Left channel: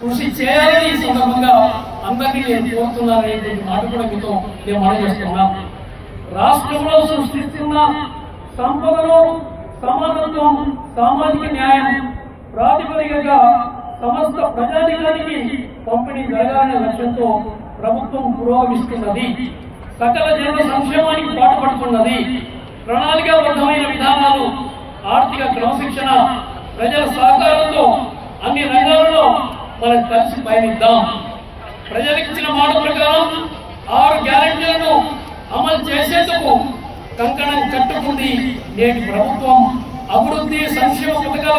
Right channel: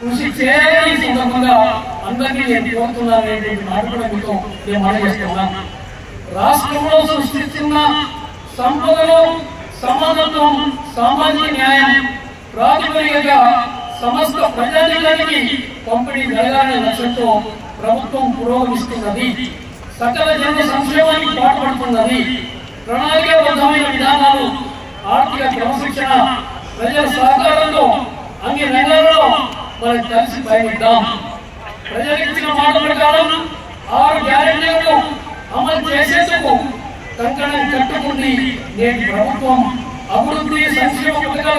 కృషి చేయాలని సందర్భంగా అందరినీ నేను కోరుతున్నాననేటువంటి మాట కూడా మీతో నేను మనవేస్తున్నాం. రాష్ట్రంలో సృష్టిస్తున్న సంపదలో సమానత్వం, సామాజిక న్యాయం ప్రాతిపదికగా సమస్త ప్రజానికానికి పంపిణీ జరగాలనే లక్ష్యంతో ప్రభుత్వం పురోగమిస్తున్నది. సకల జన సంక్షేమానికి పాటుపడుతున్నది. ప్రణాళికాబద్ధమైన విధానాలు, ఆర్థిక క్రమశిక్షణ, ప్రజల సహకారంతో అన్ని రంగాల్లో మనం కలిసి పయనిద్దాం. ప్రజలకు ఇచ్చిన మాట ప్రకారం 6 గ్యారెంటీలను అమలు చేసేందుకు కంకణం కట్టుకుంది నేటి ప్రభుత్వం. అభివృద్ధి సంక్షేమ పథకాల